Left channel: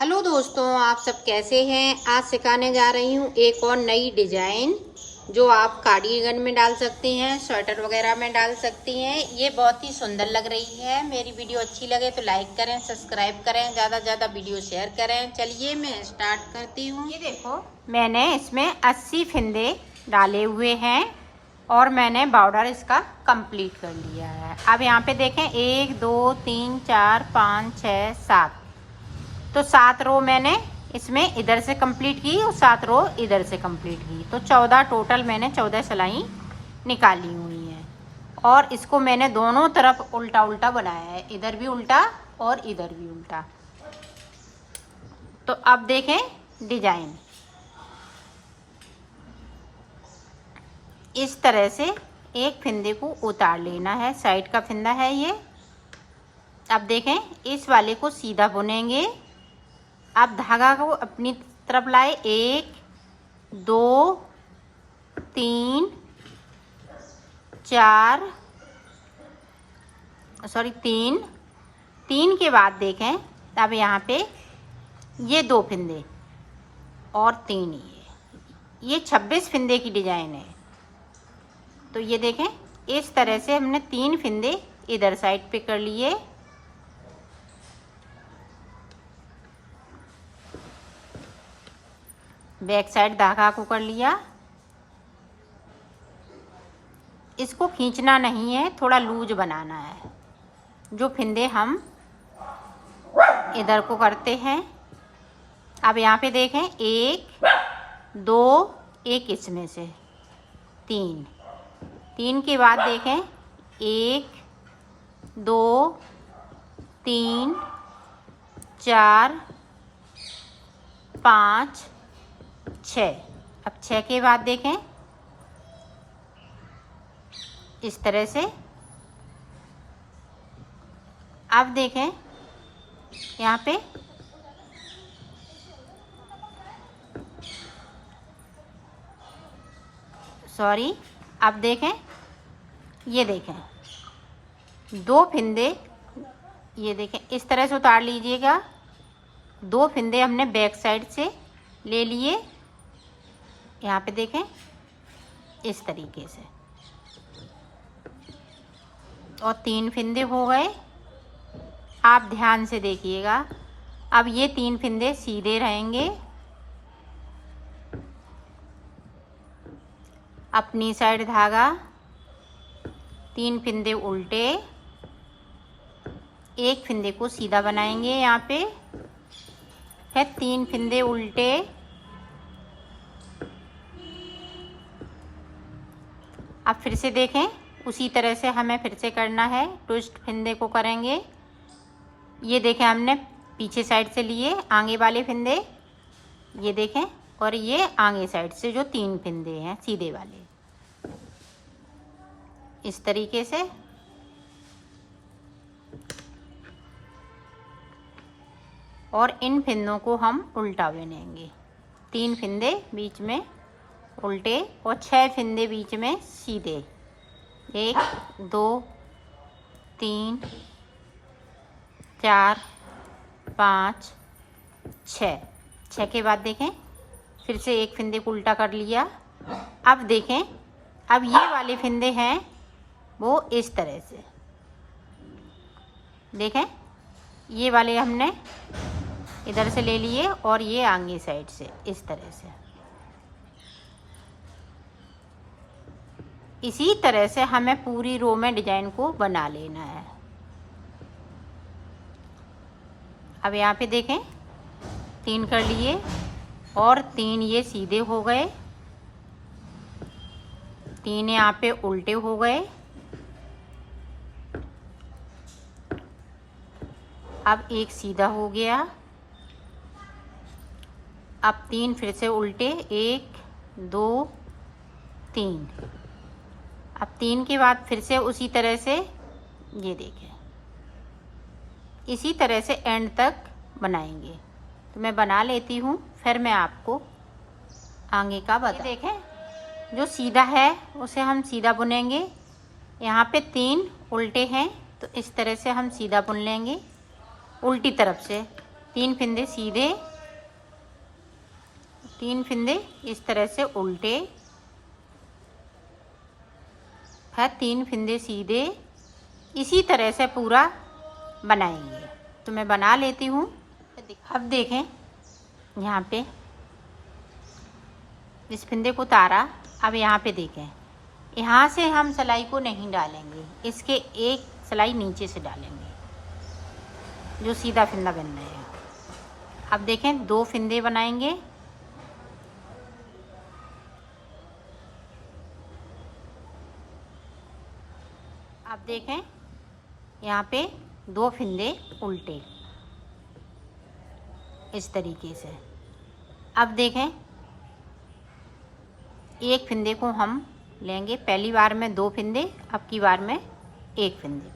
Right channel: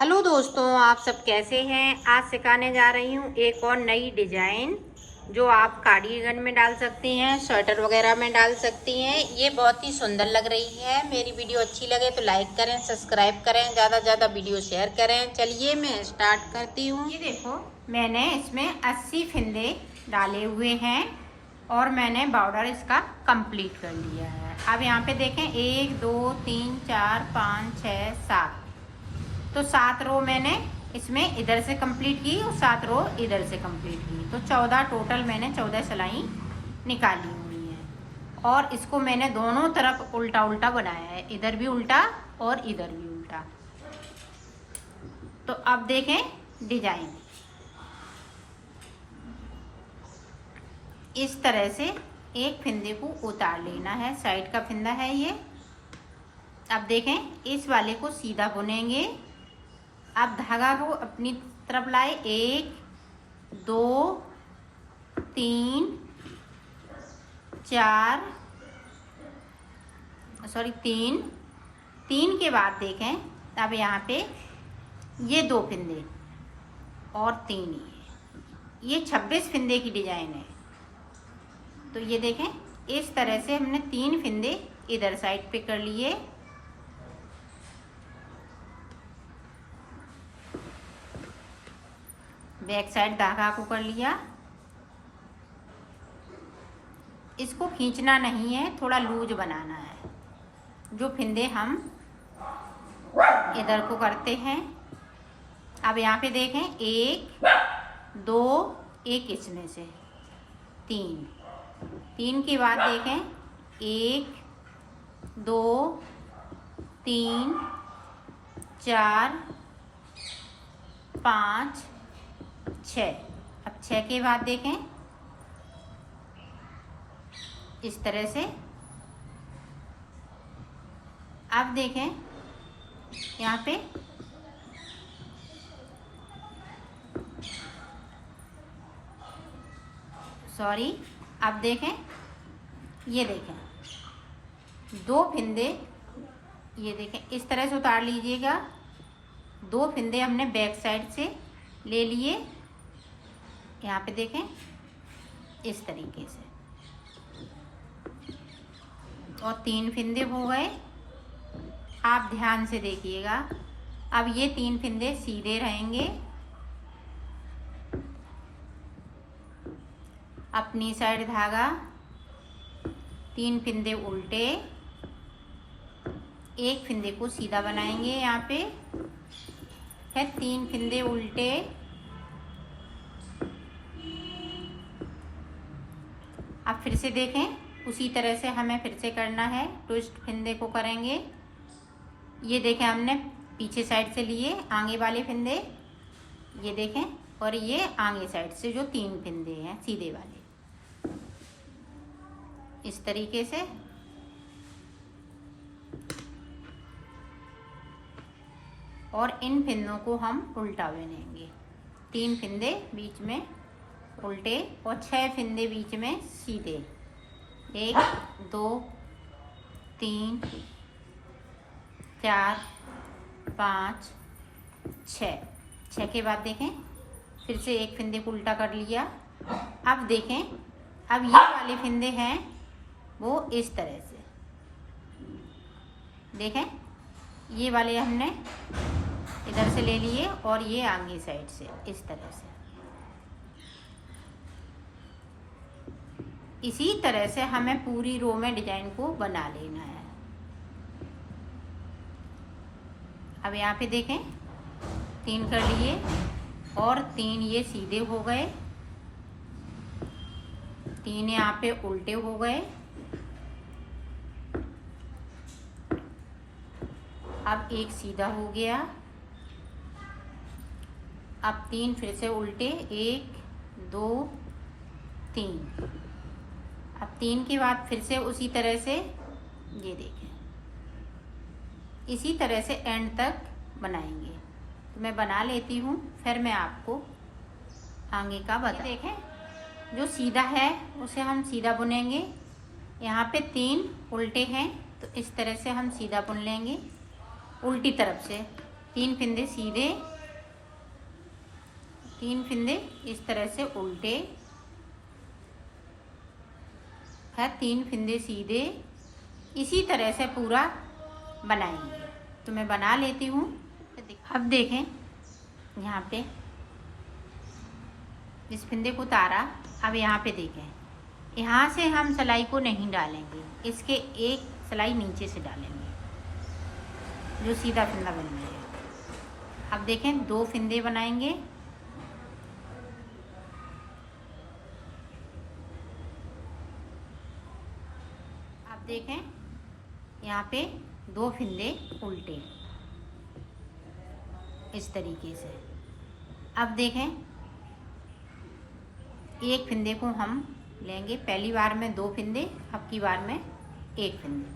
Hello दोस्तों, आप सब कैसे हैं। आज सिखाने जा रही हूँ एक और नई डिजाइन जो आप कार्डिगन में डाल सकती हैं, स्वेटर वगैरह में डाल सकती हैं। ये बहुत ही सुंदर लग रही है। मेरी वीडियो अच्छी लगे तो लाइक करें, सब्सक्राइब करें, ज़्यादा से ज़्यादा वीडियो शेयर करें। चलिए मैं स्टार्ट करती हूँ। ये देखो, मैंने इसमें 80 फंदे डाले हुए हैं और मैंने बॉर्डर इसका कंप्लीट कर लिया है। अब यहाँ पे देखें, 1 2 3 4 5 6 7, तो 7 रो मैंने इसमें इधर से कंप्लीट की और 7 रो इधर से कंप्लीट की, तो 14 टोटल मैंने 14 सिलाई निकाली हुई है। और इसको मैंने दोनों तरफ उल्टा उल्टा बनाया है, इधर भी उल्टा और इधर भी उल्टा। तो अब देखें डिजाइन, इस तरह से एक फंदे को उतार लेना है, साइड का फंदा है ये। अब देखें, इस वाले को सीधा बुनेंगे। आप धागा को अपनी तरफ लाए, 1 2 3 4, सॉरी 3 के बाद देखें, अब यहाँ पे ये 2 फंदे और 3, ये 26 फंदे की डिजाइन है। तो ये देखें, इस तरह से हमने 3 फंदे इधर साइड पे कर लिए। बैक साइड धागा को कर लिया। इसको खींचना नहीं है, थोड़ा लूज बनाना है, जो फंदे हम इधर को करते हैं। अब यहाँ पे देखें, 1 2, एक इसमें से 3 के बाद देखें, 1 2 3 4 5 6। अब 6 के बाद देखें, इस तरह से। अब देखें यहाँ पे सॉरी, अब देखें, ये देखें 2 फंदे, ये देखें इस तरह से उतार लीजिएगा। 2 फंदे हमने बैक साइड से ले लिए, यहाँ पे देखें इस तरीके से, और 3 फंदे हो गए। आप ध्यान से देखिएगा, अब ये 3 फंदे सीधे रहेंगे, अपनी साइड धागा, 3 फंदे उल्टे, एक फंदे को सीधा बनाएंगे यहाँ पे, फिर 3 फंदे उल्टे, अब फिर से देखें, उसी तरह से हमें फिर से करना है। ट्विस्ट फंदे को करेंगे। ये देखें, हमने पीछे साइड से लिए आगे वाले फंदे, ये देखें, और ये आगे साइड से जो 3 फंदे हैं सीधे वाले, इस तरीके से। और इन फंदों को हम उल्टा बुनेंगे, 3 फंदे बीच में उल्टे और 6 फंदे बीच में सीधे, 1 2 3 4 5 6 के बाद देखें, फिर से एक फंदे को उल्टा कर लिया। अब देखें, अब ये वाले फंदे हैं वो इस तरह से, देखें ये वाले हमने इधर से ले लिए और ये आगे साइड से इस तरह से। इसी तरह से हमें पूरी रो में डिजाइन को बना लेना है। अब यहाँ पे देखें, 3 कर लिए और 3 ये सीधे हो गए, 3 यहाँ पे उल्टे हो गए। अब एक सीधा हो गया, अब 3 फिर से उल्टे, 1 2 3। अब 3 के बाद फिर से उसी तरह से, ये देखें, इसी तरह से एंड तक बनाएंगे। तो मैं बना लेती हूँ, फिर मैं आपको आगे का बता। देखें, जो सीधा है उसे हम सीधा बुनेंगे। यहाँ पे 3 उल्टे हैं, तो इस तरह से हम सीधा बुन लेंगे उल्टी तरफ से। 3 फंदे सीधे, 3 फंदे इस तरह से उल्टे, फिर 3 फंदे सीधे। इसी तरह से पूरा बनाएंगे। तो मैं बना लेती हूँ। अब देखें यहाँ पे इस फंदे को उतारा। अब यहाँ पे देखें, यहाँ से हम सिलाई को नहीं डालेंगे, इसके एक सिलाई नीचे से डालेंगे जो सीधा फंदा बनना है। अब देखें 2 फंदे बनाएंगे। अब देखें यहाँ पे 2 फंदे उल्टे इस तरीके से। अब देखें एक फंदे को हम लेंगे, पहली बार में 2 फंदे, अब की बार में 1 फंदे,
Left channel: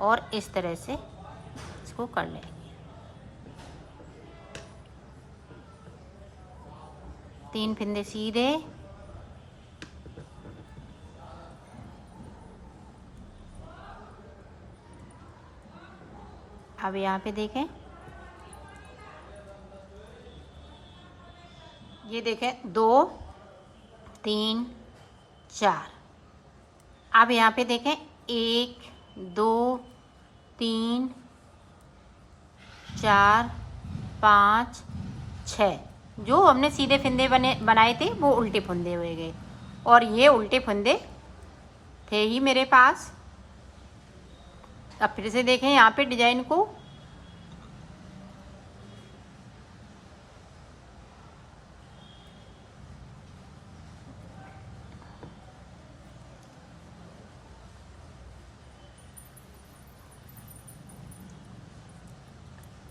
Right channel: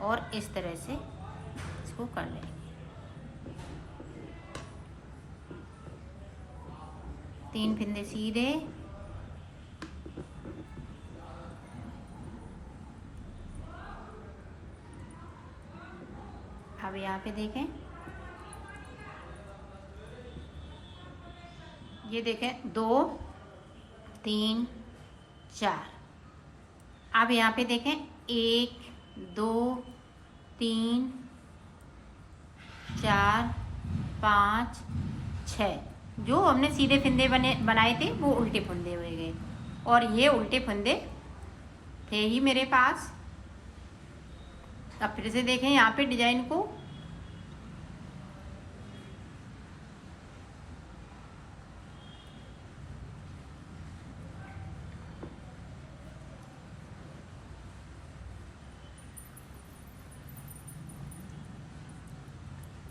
और इस तरह से इसको कर लेंगे। 3 फंदे सीधे, अब यहाँ पे देखें, ये देखें 2 3 4। अब यहाँ पे देखें 1 2 3 4 5 6। जो हमने सीधे फंदे बनाए थे वो उल्टे फंदे हो गए, और ये उल्टे फंदे थे ही मेरे पास। अब फिर से देखें यहाँ पे डिजाइन को,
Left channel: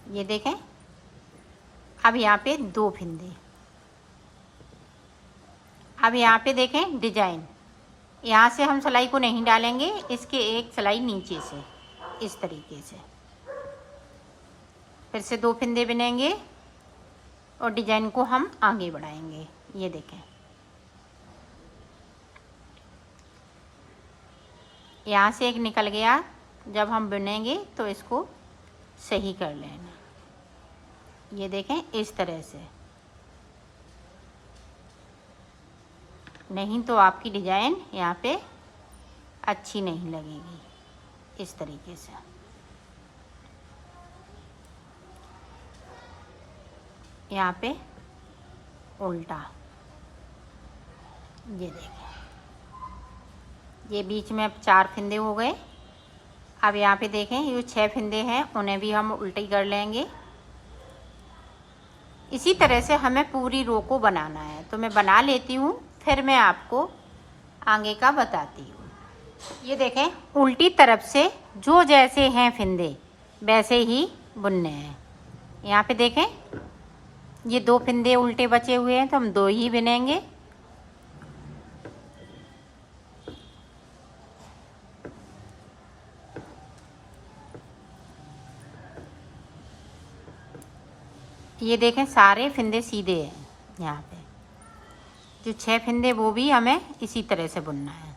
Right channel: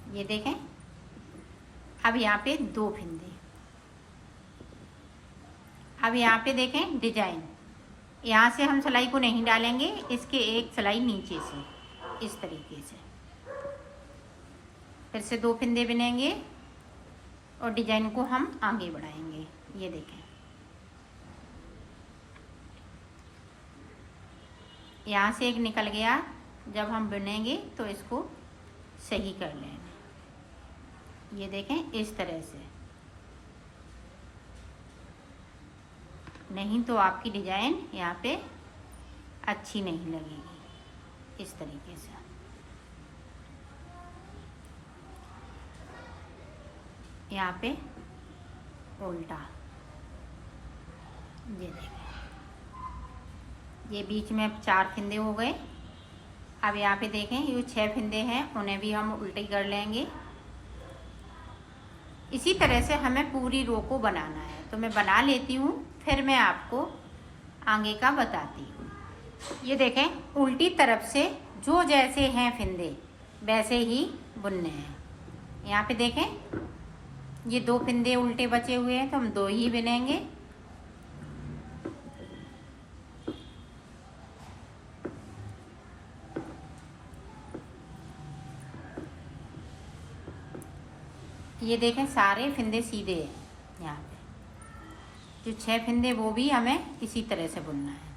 ये देखें। अब यहाँ पे 2 फंदे। अब यहाँ पे देखें डिजाइन, यहाँ से हम सिलाई को नहीं डालेंगे, इसके एक सिलाई नीचे से इस तरीके से। फिर से 2 फंदे बनेंगे और डिजाइन को हम आगे बढ़ाएंगे। ये देखें यहाँ से एक निकल गया, जब हम बुनेंगे तो इसको सही कर लेंगे। ये देखें इस तरह से, नहीं तो आपकी डिजाइन यहाँ पे अच्छी नहीं लगेगी। इस तरीके से यहाँ पे उल्टा, ये देखें, ये बीच में अब 4 फंदे हो गए। अब यहाँ पे देखें ये 6 फंदे हैं, उन्हें भी हम उल्टी कर लेंगे। इसी तरह से हमें पूरी रो को बनाना है। तो मैं बना लेती हूँ, फिर मैं आपको आगे का बताती हूँ। ये देखें उल्टी तरफ से जो जैसे हैं फंदे वैसे ही बुनने हैं। यहाँ पे देखें ये 2 फंदे उल्टे बचे हुए हैं, तो हम 2 ही बुनेंगे। ये देखें सारे फंदे सीधे हैं। यहाँ पे जो 6 फंदे वो भी हमें इसी तरह से बुनना है।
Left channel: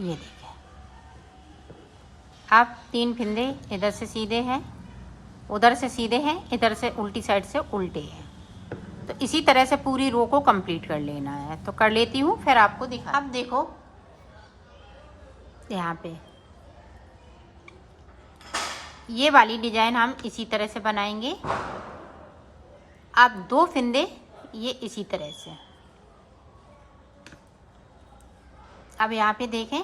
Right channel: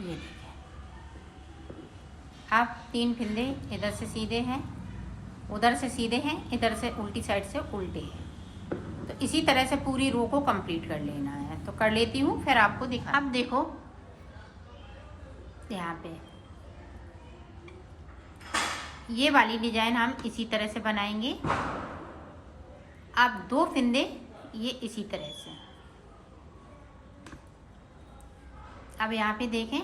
ये देखें अब 3 फंदे इधर से सीधे हैं, उधर से सीधे हैं, इधर से उल्टी साइड से उल्टे हैं। तो इसी तरह से पूरी रो को कंप्लीट कर लेना है। तो कर लेती हूँ, फिर आपको दिखा। अब देखो यहाँ पे ये वाली डिजाइन हम इसी तरह से बनाएंगे। अब 2 फंदे ये इसी तरह से। अब यहाँ पे देखें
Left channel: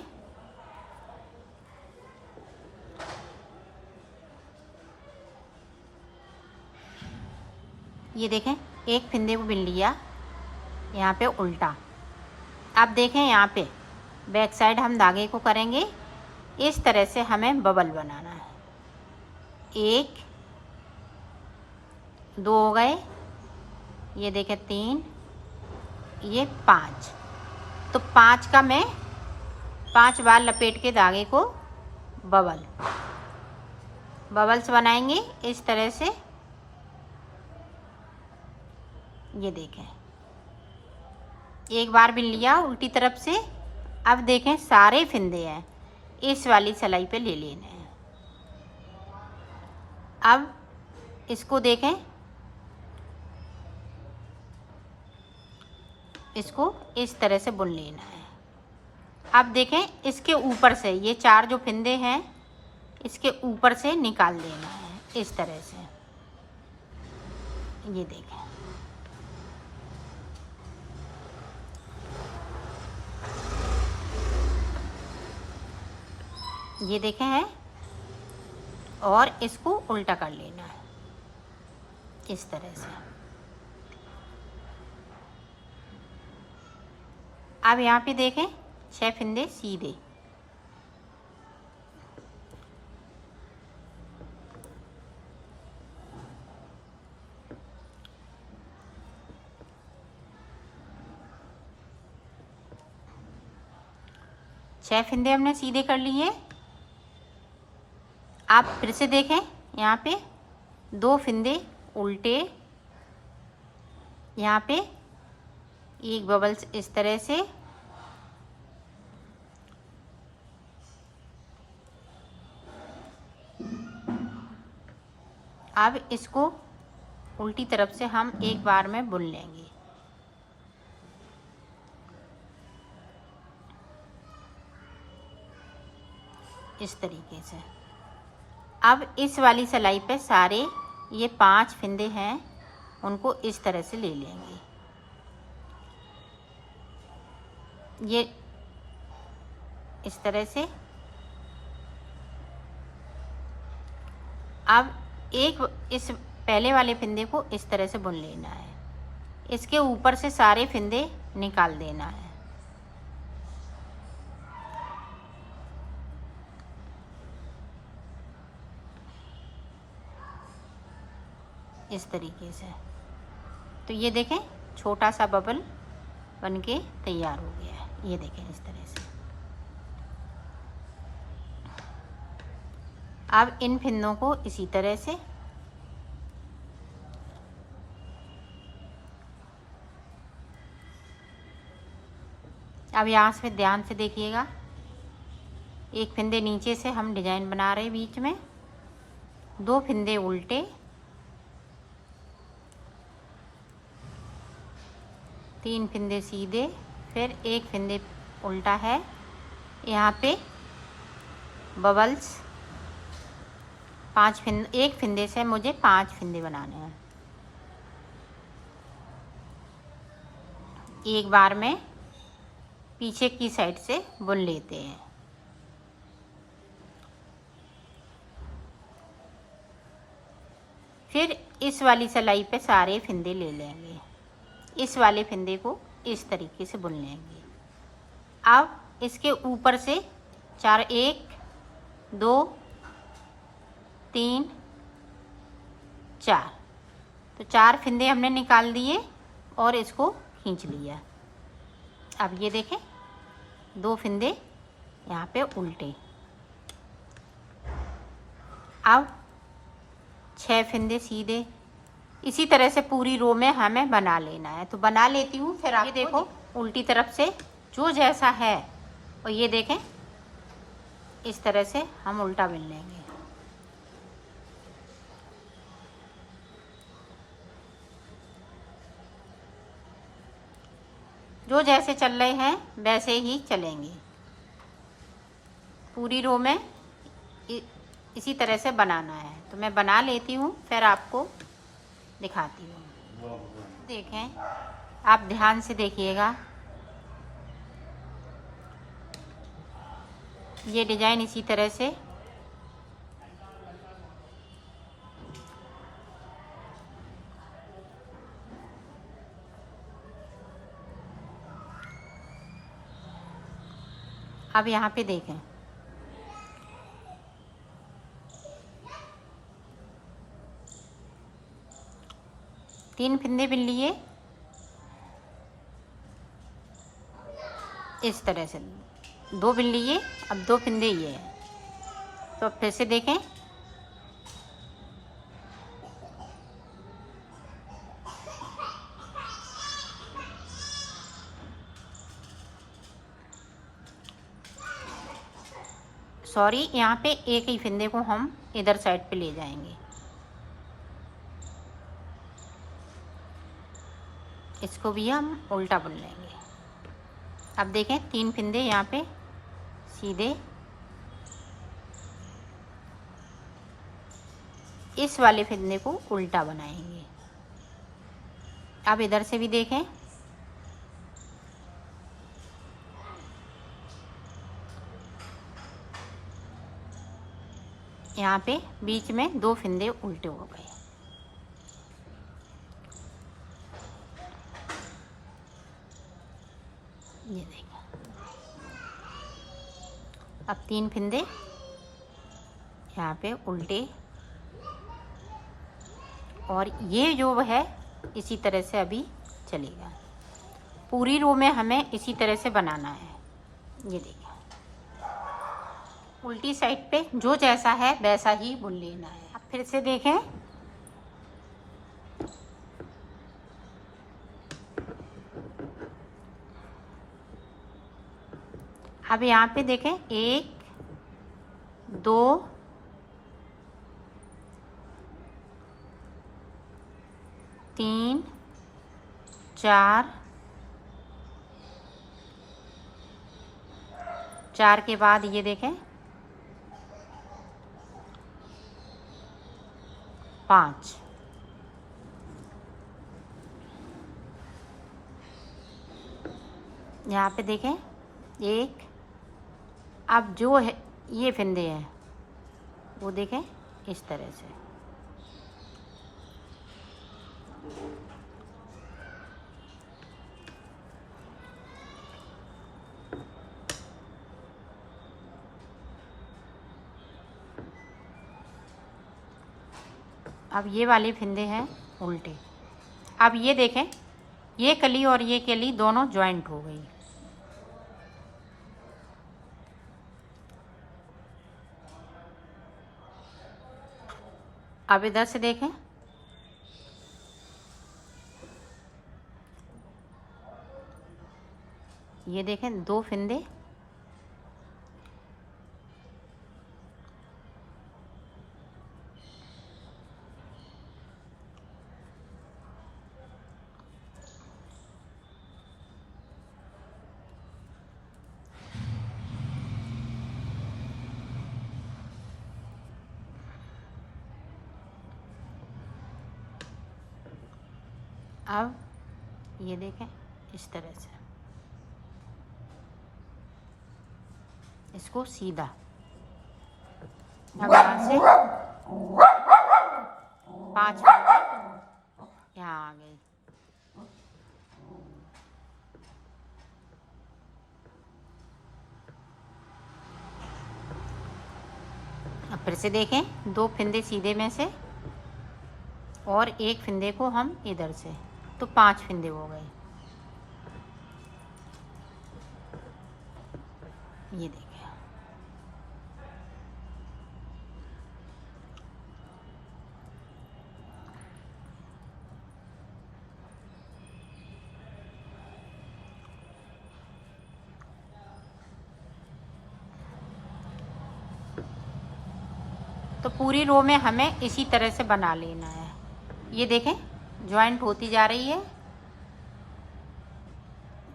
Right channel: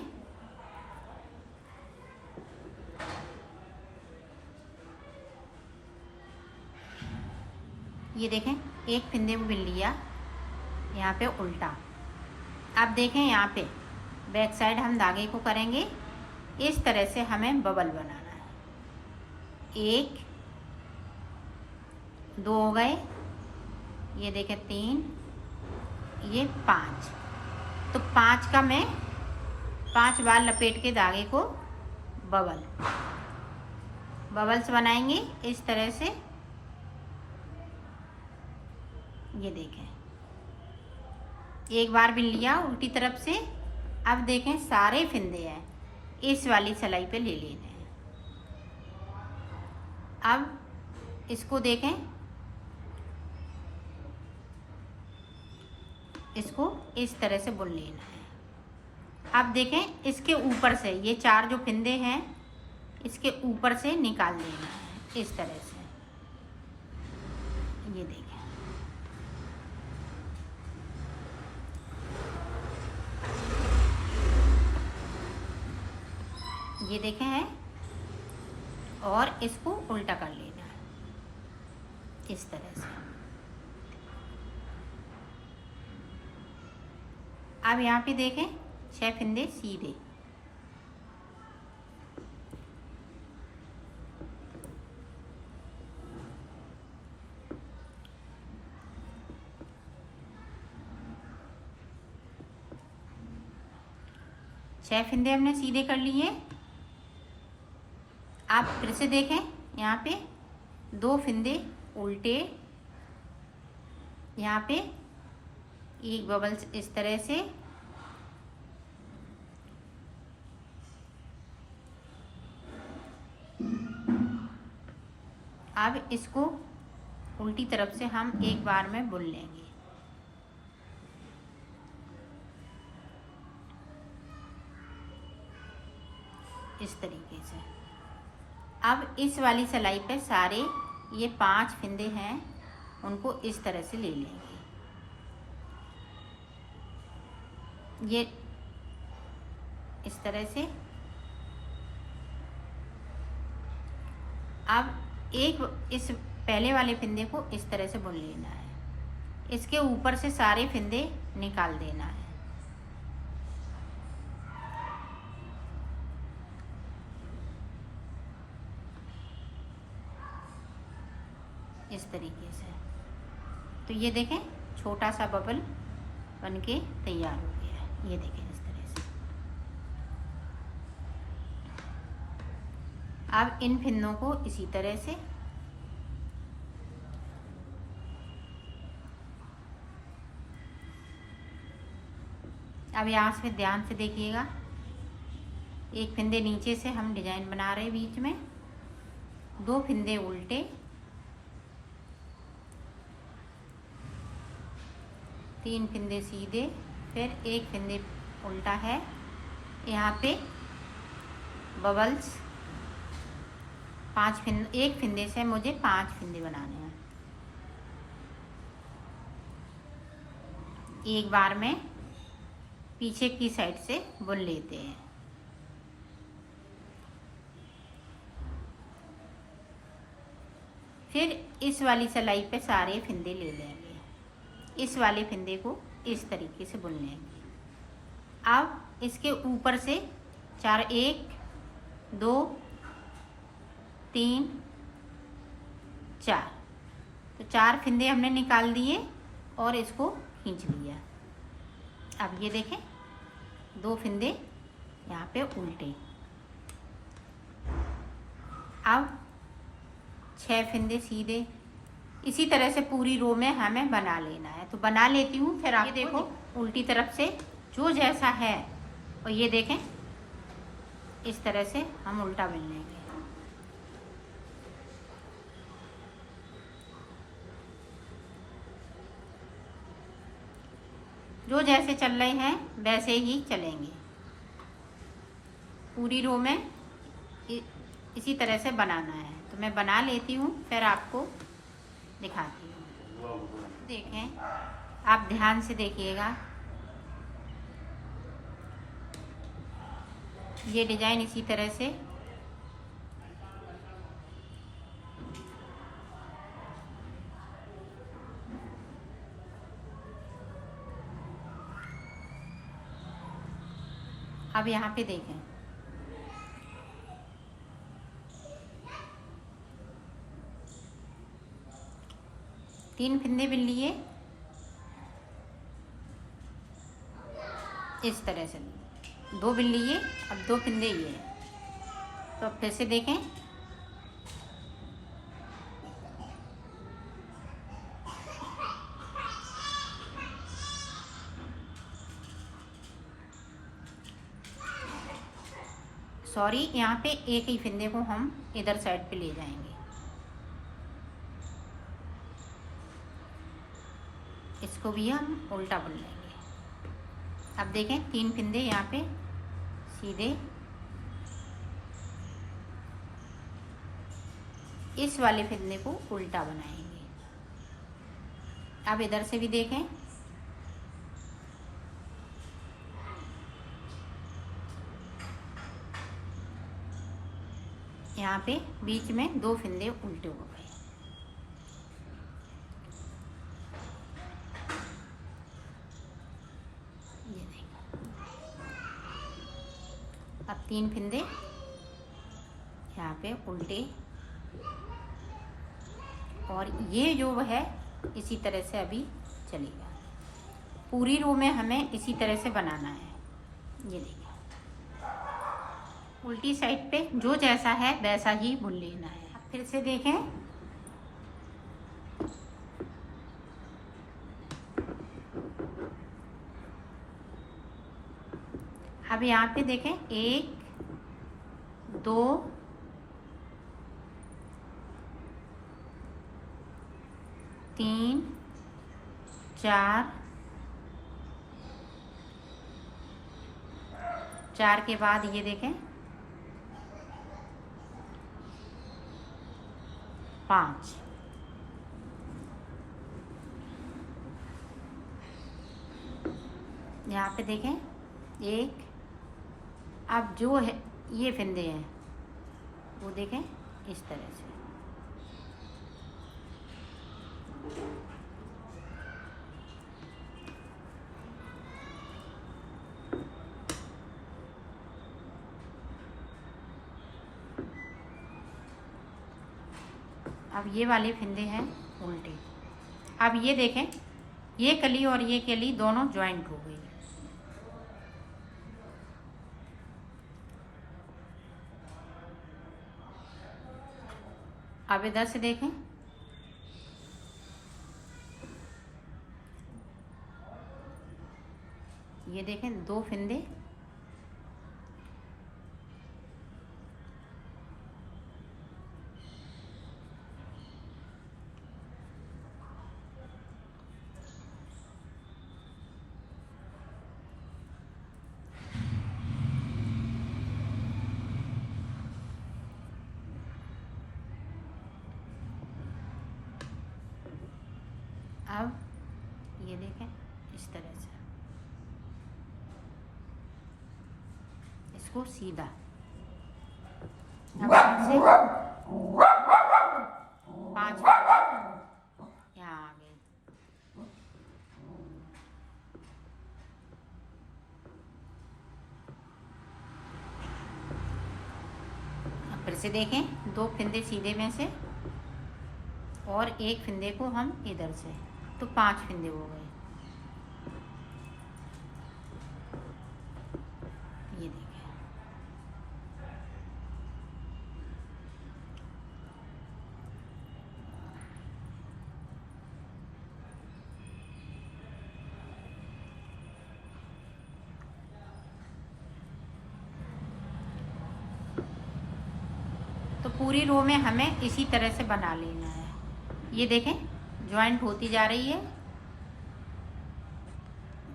ये देखें एक फंदे को बिन लिया यहाँ पे उल्टा। अब देखें यहाँ पे बैक साइड हम धागे को करेंगे इस तरह से। हमें बबल बनाना है। 1 2 हो गए, ये देखें 3, ये 5। तो 5 का मैं 5 बार लपेट के धागे को बबल्स बनाएंगे इस तरह से। ये देखें एक बार बिन लिया उल्टी तरफ से। अब देखें सारे फिंदे हैं इस वाली सिलाई पे ले लेने हैं। अब इसको देखें, इसको इस तरह से बुन लेना है। अब देखें इसके ऊपर से ये 4 जो फिंदे हैं इसके ऊपर से निकाल देना है इस तरह से। ये देखें, ये देखें है, और इसको उल्टा कर लेना है इस तरह से। अब यहाँ पे देखें 6 फिंदे सीधे, छह फिंदे हमने सीधे कर लिए। आप फिर से देखें यहाँ पे 2 फिंदे उल्टे, यहाँ पे एक बबल्स इस तरह से, अब इसको उल्टी तरफ से हम एक बार में बुन लेंगे। इस तरीके से। अब इस वाली सिलाई पे सारे ये 5 फिंदे हैं उनको इस तरह से ले लेंगे। ये इस तरह से। अब एक इस पहले वाले फिंदे को इस तरह से बुन लेना है, इसके ऊपर से सारे फिंदे निकाल देना है। इस तरीके से। तो ये देखें छोटा सा बबल बनके तैयार हो गया है। ये देखें इस तरह से। अब इन फिंदों को इसी तरह से अब यहाँ से ध्यान से देखिएगा, एक फिंदे नीचे से हम डिजाइन बना रहे हैं, बीच में 2 फिंदे उल्टे, 3 फिंदे सीधे, फिर 1 फिंदे उल्टा है। यहाँ पे बबल्स 5 फिंदे, 1 फिंदे से मुझे 5 फिंदे बनाने हैं। एक बार में पीछे की साइड से बुन लेते हैं। फिर इस वाली सिलाई पे सारे फिंदे ले लेंगे, इस वाले फिंदे को इस तरीके से बुन लेंगे। अब इसके ऊपर से 4, 1 2 3 4, तो 4 फिंदे हमने निकाल दिए और इसको खींच लिया। अब ये देखें 2 फिंदे यहाँ पे उल्टे। अब 6 फिंदे सीधे। इसी तरह से पूरी रो में हमें बना लेना है। तो बना लेती हूँ, फिर आप ये देखो उल्टी तरफ से जो जैसा है, और ये देखें इस तरह से हम उल्टा बिन लेंगे। जो जैसे चल रहे हैं वैसे ही चलेंगे। पूरी रो में इसी तरह से बनाना है। तो मैं बना लेती हूँ, फिर आपको दिखाती हूँ। देखें, आप ध्यान से देखिएगा, ये डिजाइन इसी तरह से अब यहाँ पे देखें, तीन फिंदे बिन लिए इस तरह से, 2 बिन लिए, अब 2 फिंदे ये है। तो अब फिर से देखें, सॉरी, यहाँ पे एक ही फंदे को हम इधर साइड पे ले जाएंगे। इसको भी हम उल्टा बुन लेंगे। अब देखें 3 फंदे यहाँ पे सीधे इस वाले फंदे को उल्टा बनाएंगे। अब इधर से भी देखें, यहाँ पे बीच में 2 फंदे उल्टे हो गए। ये देखें, अब 3 फंदे यहाँ पे उल्टे, और ये जो है इसी तरह से अभी चलेगा। पूरी रो में हमें इसी तरह से बनाना है। ये देखो, उल्टी साइड पे जो जैसा है वैसा ही बुन लेना है। अब फिर से देखें, अब यहाँ पे देखें 1 2 3 4 4 के बाद ये देखें 5, यहाँ पे देखें 1। अब जो है ये फंदे हैं वो देखें इस तरह से। अब ये वाले फंदे हैं उल्टे। अब ये देखें, ये कली और ये कली दोनों ज्वाइंट हो गई। अब इधर से देखें, ये देखें 2 फंदे अब ये देखें इस तरह से, इसको सीधा। अब यहाँ से 5 यहाँ आ गई। अब फिर से देखें, 2 फंदे सीधे में से और 1 फंदे को हम इधर से, तो 5 फंदे हो गए। ये देखिए, तो पूरी रो में हमें इसी तरह से बना लेना है। ये देखें ज्वाइंट होती जा रही है,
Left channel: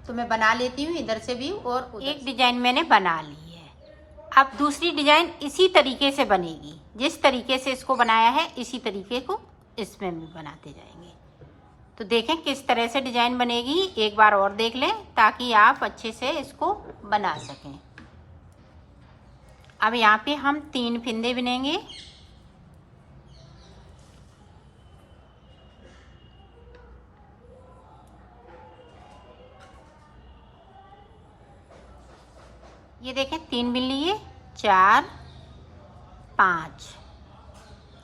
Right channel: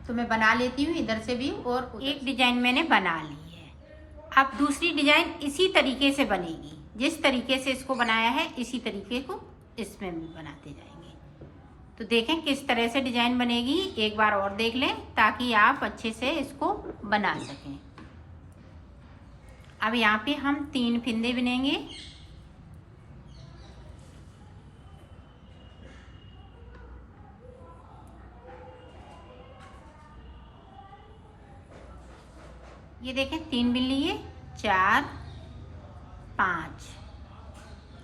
तो मैं बना लेती हूँ इधर से भी, और एक डिजाइन मैंने बना ली है। अब दूसरी डिजाइन इसी तरीके से बनेगी, जिस तरीके से इसको बनाया है इसी तरीके को इसमें भी बनाते जाएंगे। तो देखें किस तरह से डिजाइन बनेगी, एक बार और देख लें ताकि आप अच्छे से इसको बना सकें। अब यहाँ पे हम 3 फंदे बुनेंगे। ये देखें 3 बुन लिए, 4 5।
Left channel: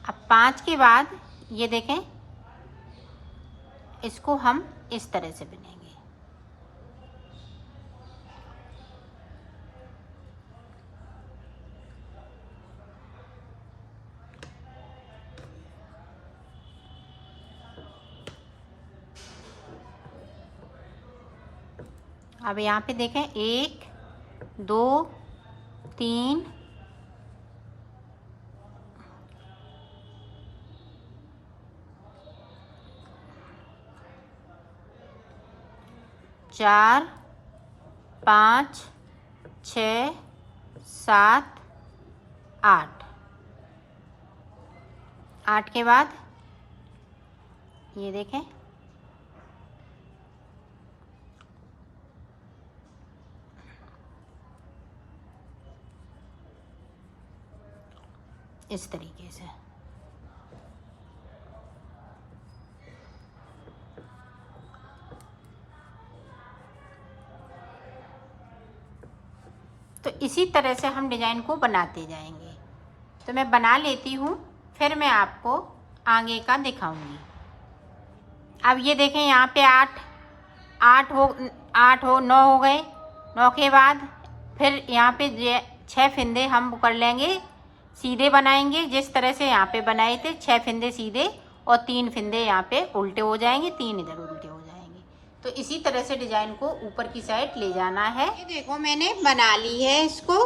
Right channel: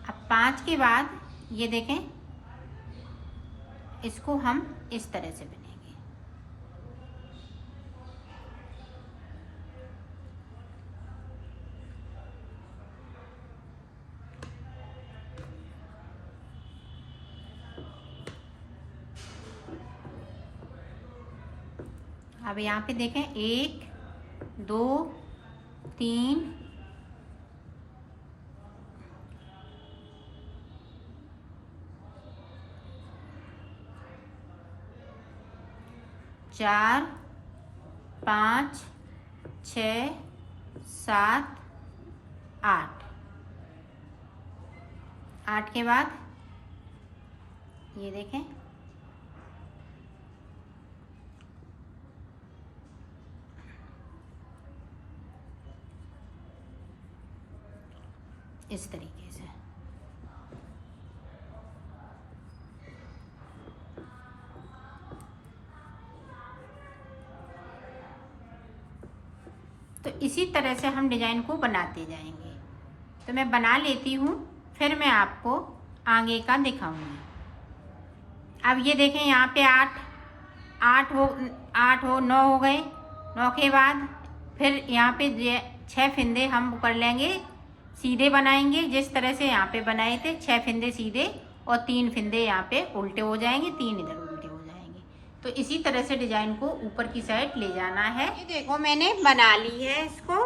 अब 5 के बाद ये देखें इसको हम इस तरह से बुनेंगे। अब यहाँ पे देखें 1 2 3 4 5 6 7 8। 8 के बाद ये देखें, इस तरीके से। तो इसी तरह से हम डिजाइन को बनाते जाएंगे। तो मैं बना लेती हूँ, फिर मैं आपको आगे का दिखाऊंगी। अब ये देखें, यहाँ पे 8 हो 9 हो गए। 9 के बाद फिर यहाँ पे 6 फिंदे हम कर लेंगे, सीधे बनाएंगे जिस तरह से यहाँ पे बनाए थे। 6 फिंदे सीधे और 3 फिंदे यहाँ पे उल्टे हो जाएंगे, 3 इधर उल्टे हो जाएंगे। तो इसी तरह से डिजाइन को ऊपर की साइड ले जाना है। ये देखो मैंने बना ली है इसको।